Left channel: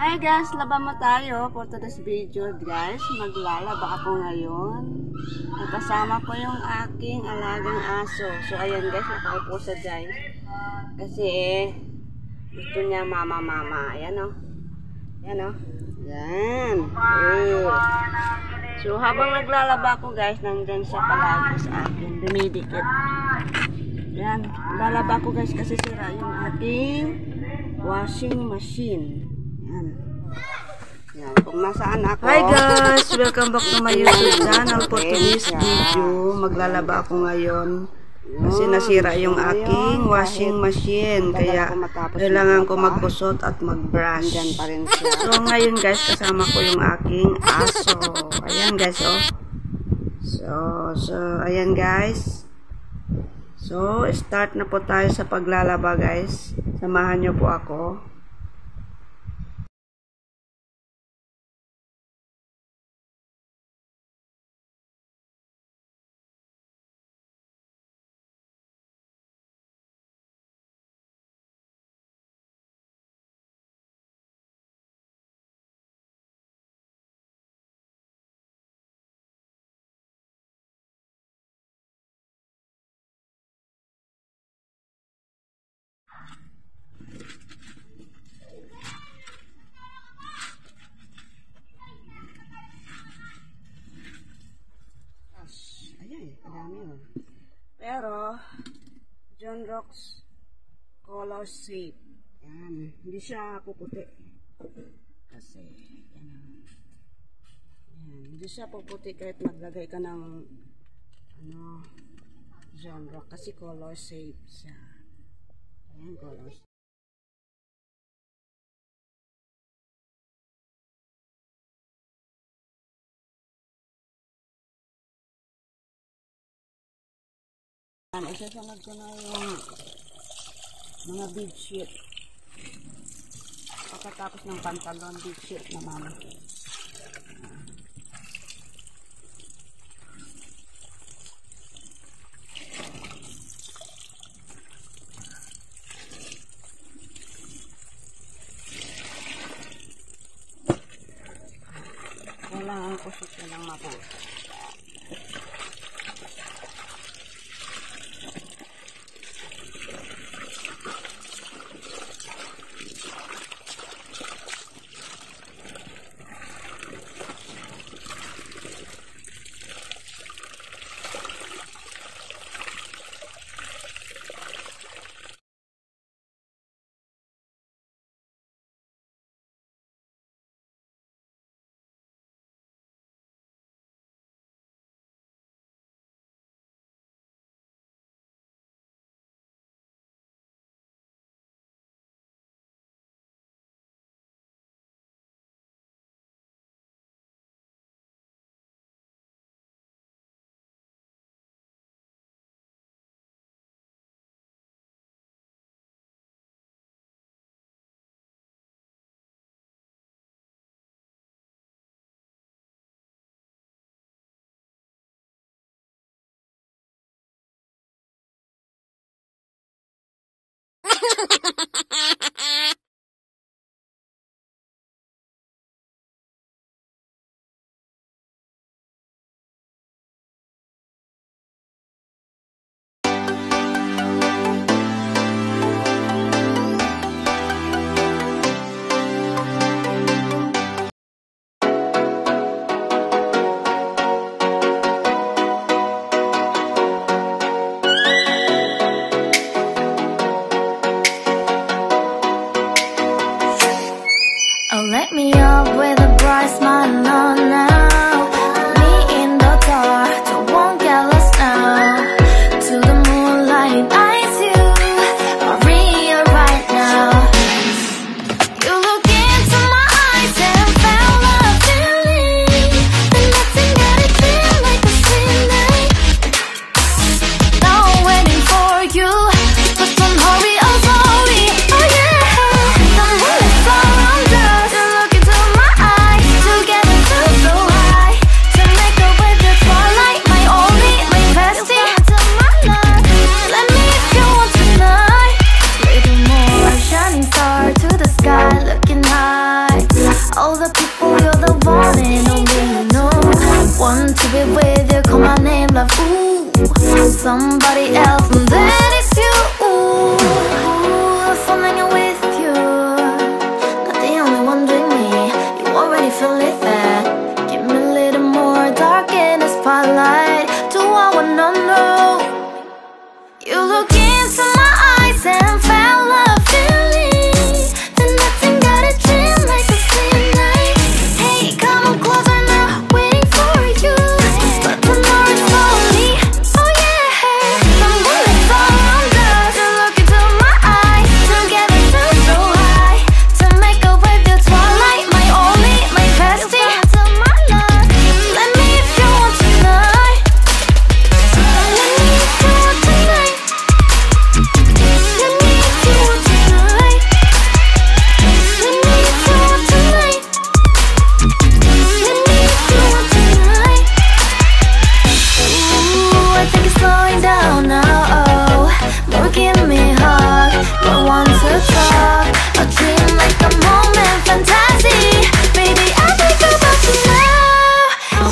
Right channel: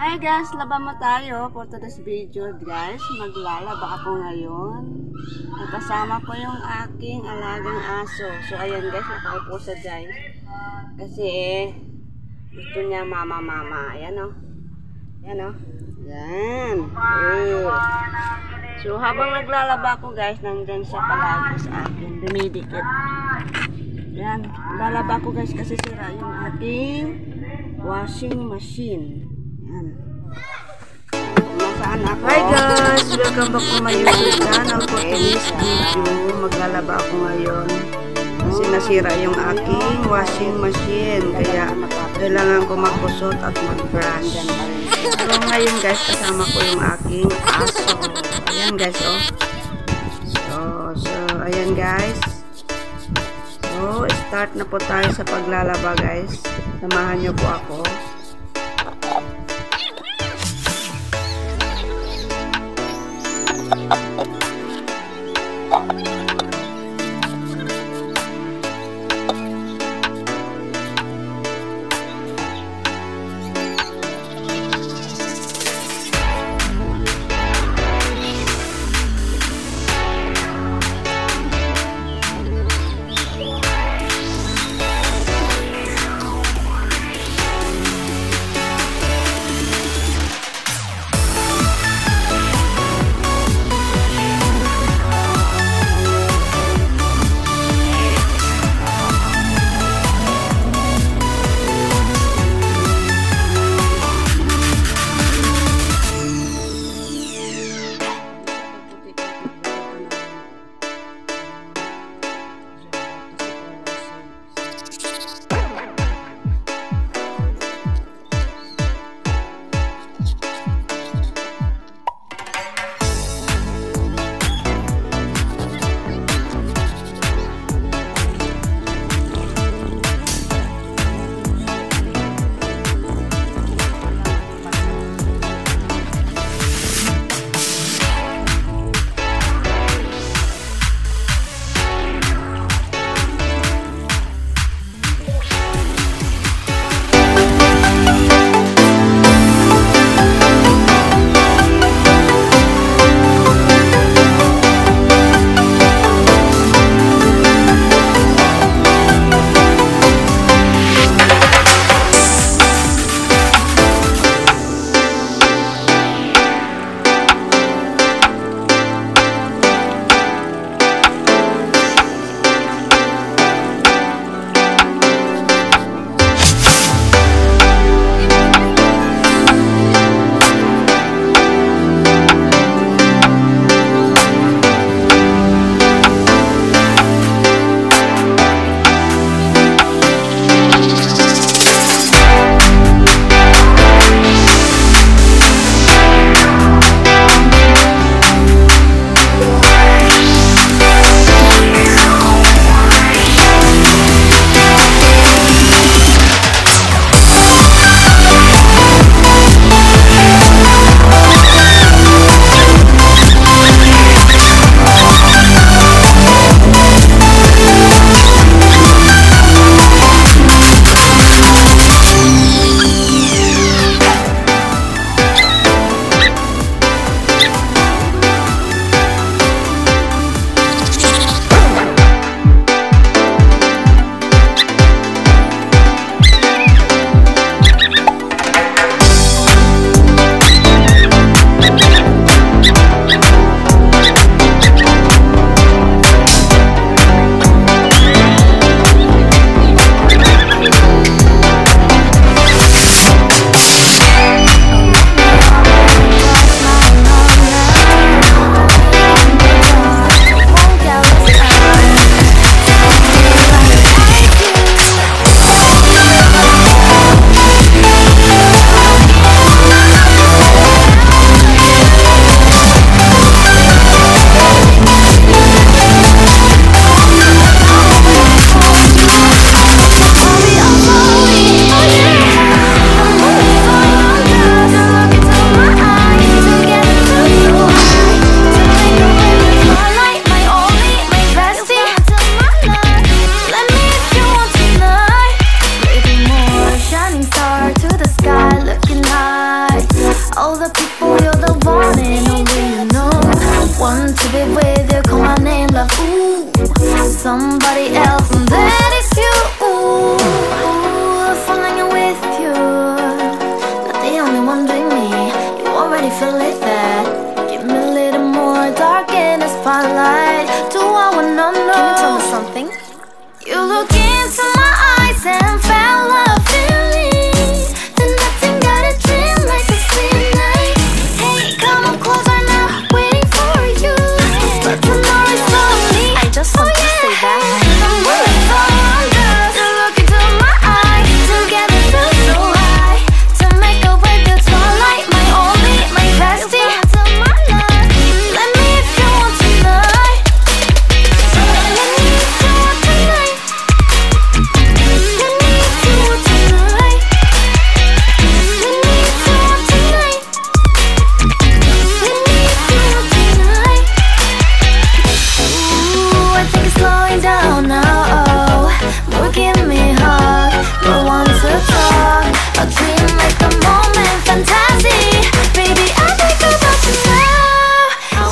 Hi guys, laba mo tayo for today's video guys. Maglalaba ako ngayon. Kasama ko yung aking alagang aso. So ayan guys, nakaupo sa guys. Kasi gusto niya mama. Ayan o. Ayan o. Yan. So habang naglalaba ko guys, nandyan siya palagi sa akin. Dumidikit. Yan. Lalaba ko guys kasi sira yung ating washing machine. Nasaan ako? Hi guys! Welcome back to my YouTube channel. For today's video, maglalaba ako ngayon kasi nasira yung aking washing machine, kaya kailangan ko magkusot at mag-brush. So ngayon guys, kasama ko yung aking aso. Ayan guys, oh. So ayan guys. So start na po tayo sa paglalaba guys. Samahan nyo po ako. love. Ooh, somebody else, and that is you. Ooh, falling in with you. Not the only one doing me. You already feel it there. Give me a little more dark in the spotlight. Do I wanna know something? You look into my eyes and fell love feeling. Then nothing got a dream like a slim night. Hey, come on closer now, waiting for you. But tomorrow is only, oh yeah. The moonlight's around us. You look into my eyes, together feel so high. To make up with the twilight, my only, my bestie. My love, let me if you want tonight. Let me if you want tonight. Let me if you want tonight. Let me if you want tonight. Let me if you want tonight. Ooh, I think it's slowing down now. More give me a hug, more want to talk. A dream like a moment, fantasy. Baby, I think about you now.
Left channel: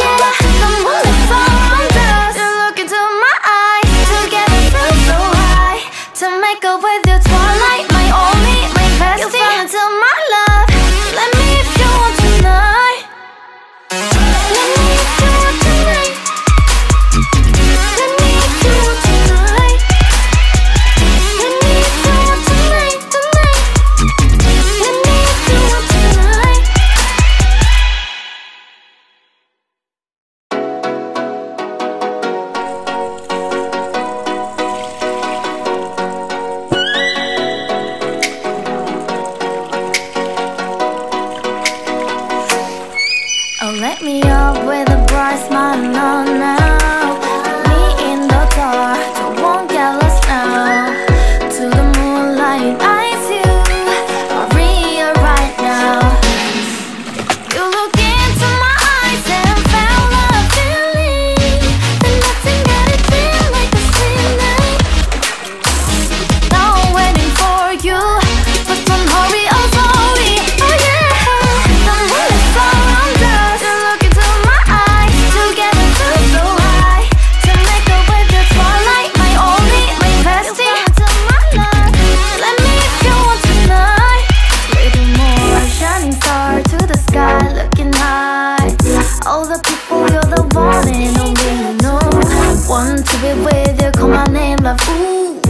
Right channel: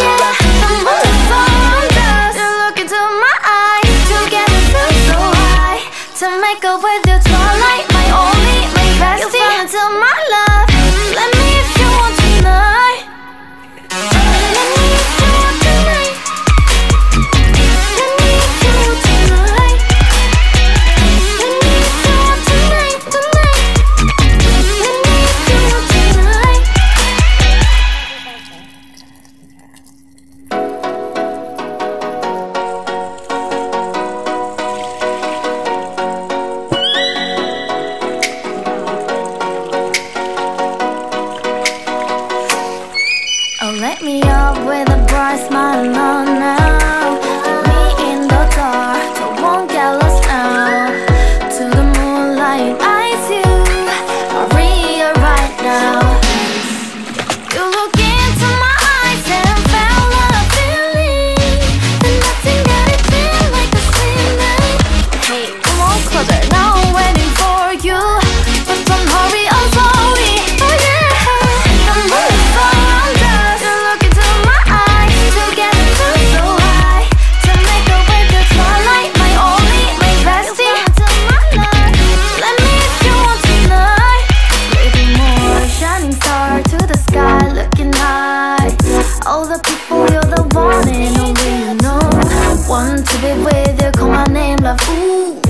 Yeah, the moonlight's around us. You look into my eyes, together feel so high. To make up with your twilight, my only, my bestie. You fall into my love. Let me if you want tonight. Let me if you want tonight. Let me if you want tonight. Let me if you want tonight, tonight. Let me if you want tonight. Oh, let me up with a bright smile on now. Meet me in the dark, so won't get lost now. To the moonlight, eyes you are real right now. You look into my eyes and fell love feeling. Then nothing got a dream like a slim night. Now I'm waiting for you, but don't hurry, oh slowly. Oh yeah, the moonlight's around us. You look into my eyes, together feel so high. To make up with the twilight, my only, my bestie. My love, let me if you want tonight. Little more shining star to the sky, looking high. All the people, you're the one and only you know. Want to be with you, call my name, love. Ooh,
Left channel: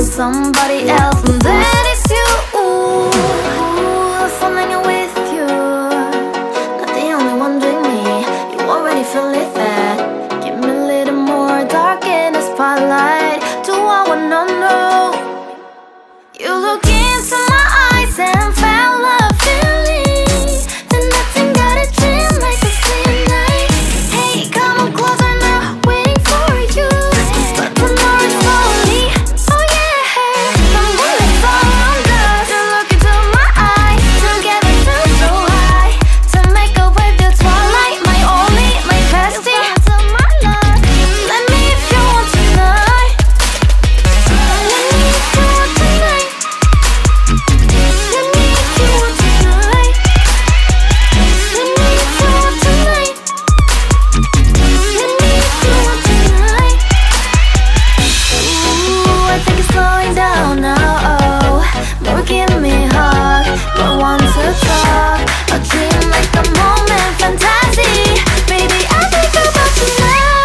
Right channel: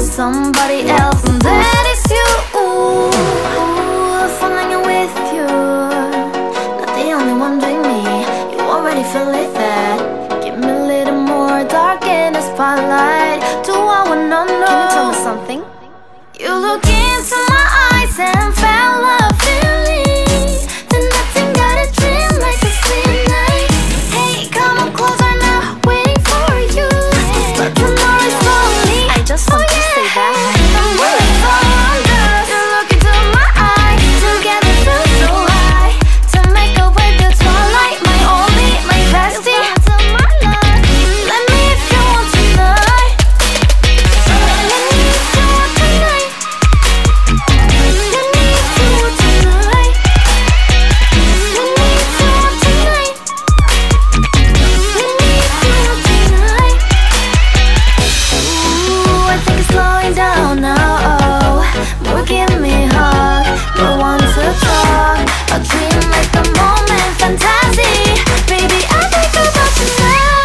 somebody else, and that is you. Ooh, falling in with you. Not the only one doing me. You already feel it there. Give me a little more dark in the spotlight. Do I wanna know something? You look into my eyes and fell love feeling. Then nothing got a dream like a slim night. Hey, come on closer now, waiting for you. But tomorrow is only, oh yeah. The moonlight's around us. You look into my eyes, together feel so high. To make up with your twilight, my only, my bestie. My love, let me if you want tonight. Let me if you want tonight. Let me if you want tonight. Let me if you want tonight. Let me if you want tonight. Ooh, I think it's slowing down now. More give me a hug, more want to talk. A dream like a moment, fantasy. Baby, I think about you now.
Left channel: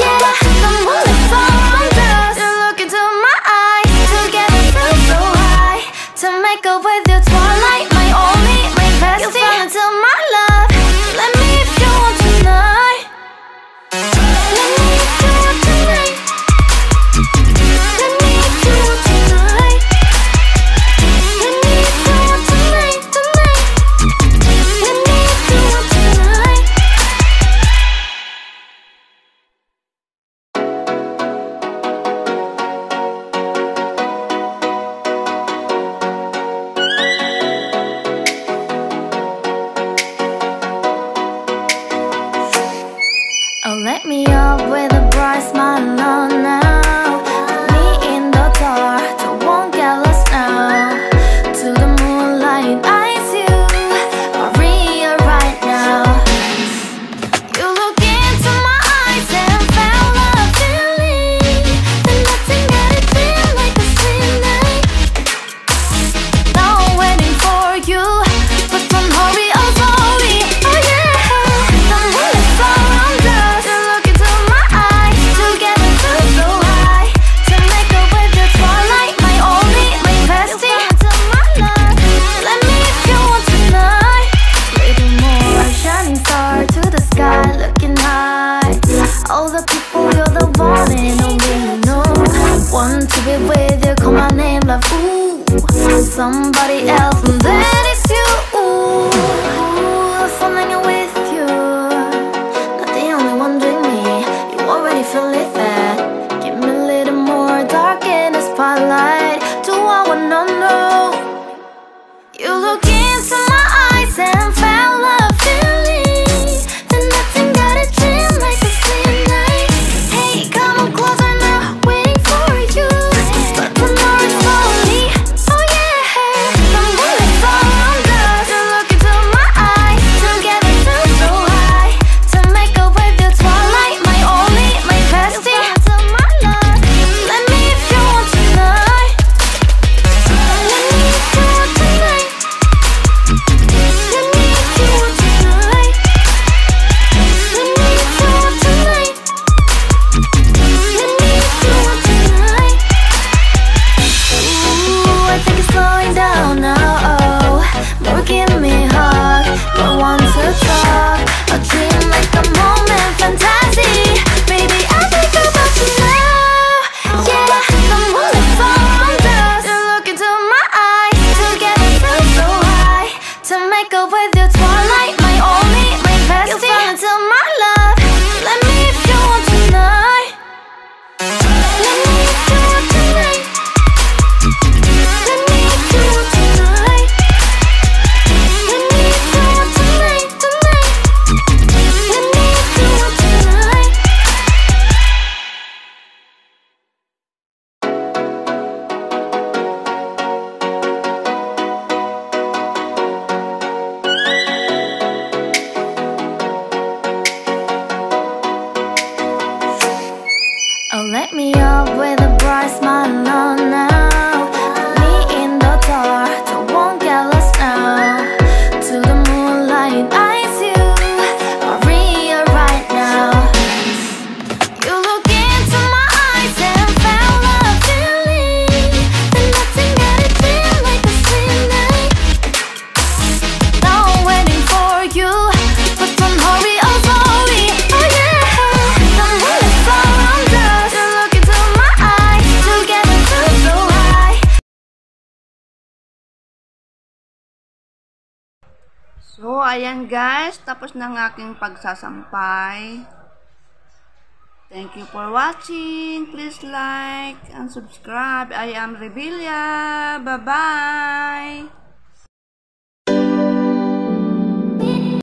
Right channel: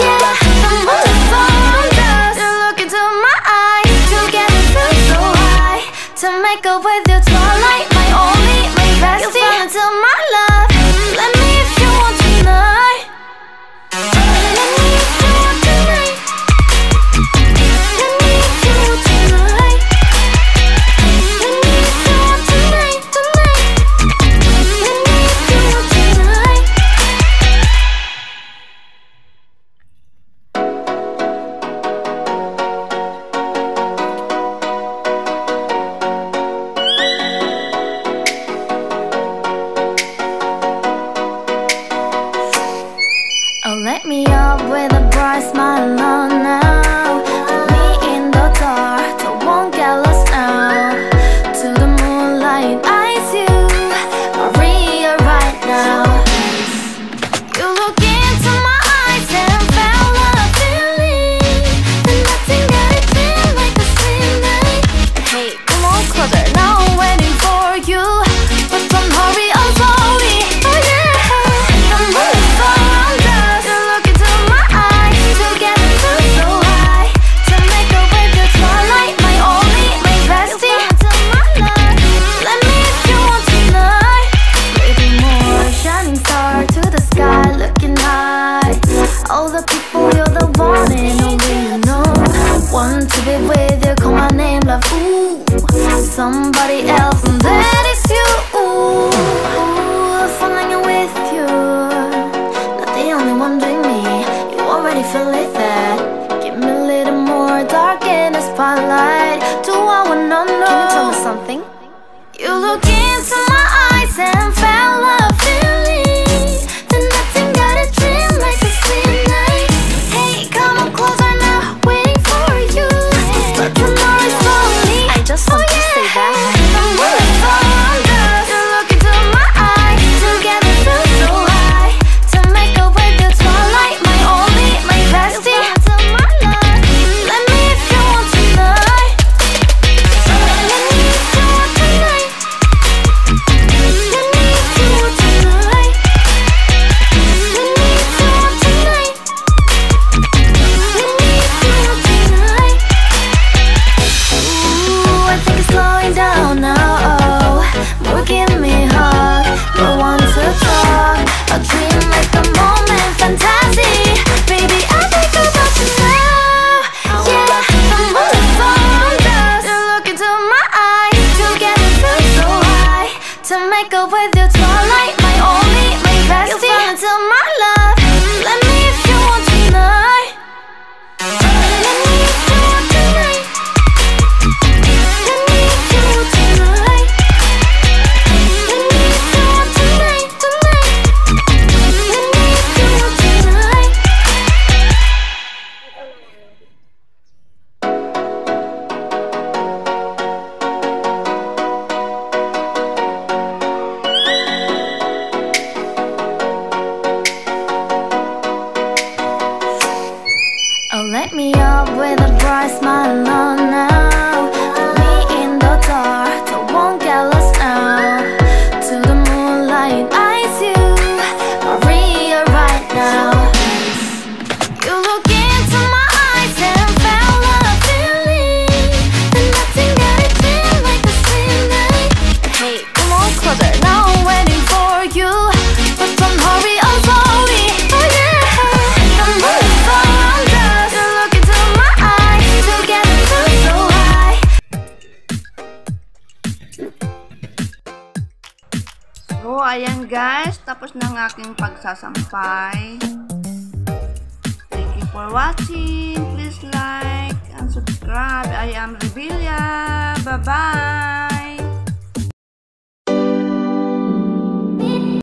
Yeah, the moonlight's around us. You look into my eyes, together feel so high. To make up with your twilight, my only, my bestie. You fall into my love. Let me if you want tonight. Let me if you want tonight. Let me if you want tonight. Let me if you want tonight, tonight. Let me if you want tonight. Oh, let me up with a bright smile on now. Meet me in the dark, so won't get lost now. To the moonlight, eyes you are real right now. You look into my eyes and fell somebody else, and that is you. Ooh, falling in with you. Not the only one doing me. You already feel it there. Give me a little more dark in the spotlight. Do I wanna know something? You look into my eyes and fell love feeling. Then nothing got a dream like a slim night. Hey, come on closer now, waiting for you. But the night is slowly. Oh yeah, the moonlight's all around us. You look into my eyes, together feel so high. To make up with the twilight, my only, my bestie. To my love, let me if you want tonight. Let me if you want tonight. Let me if you want tonight. Let me if you want tonight. Let me if you want tonight. Ooh, I think it's slowing down now. Oh, more give me a hug, more want to talk. A dream like a moment, fantasy. Baby, I think about you now. Yeah, the moonlight's all around us. You look into my eyes, together feel so high. To make up with your twilight, my only, my bestie. You fall into my love. Let me if you want tonight. Let me if you want tonight. Let me if you want tonight. Let me if you want tonight, tonight. Let me if you want tonight. Oh, let me up with a bright smile on now. Put me in the dark, so won't get lost now. To the moonlight, eyes you, Maria right now. You look into my eyes and fell love feeling. Then nothing got a dream like a slim night. Hey, come on closer. Now I'm waiting for you, but don't hurry, oh slowly. Oh yeah, the moonlight's all around us. You look into my eyes, together feel so high. So, ayan guys, tapos na ang aking pagsasampay. Thank you for watching. Please like and subscribe. I am Revilla. Bye-bye.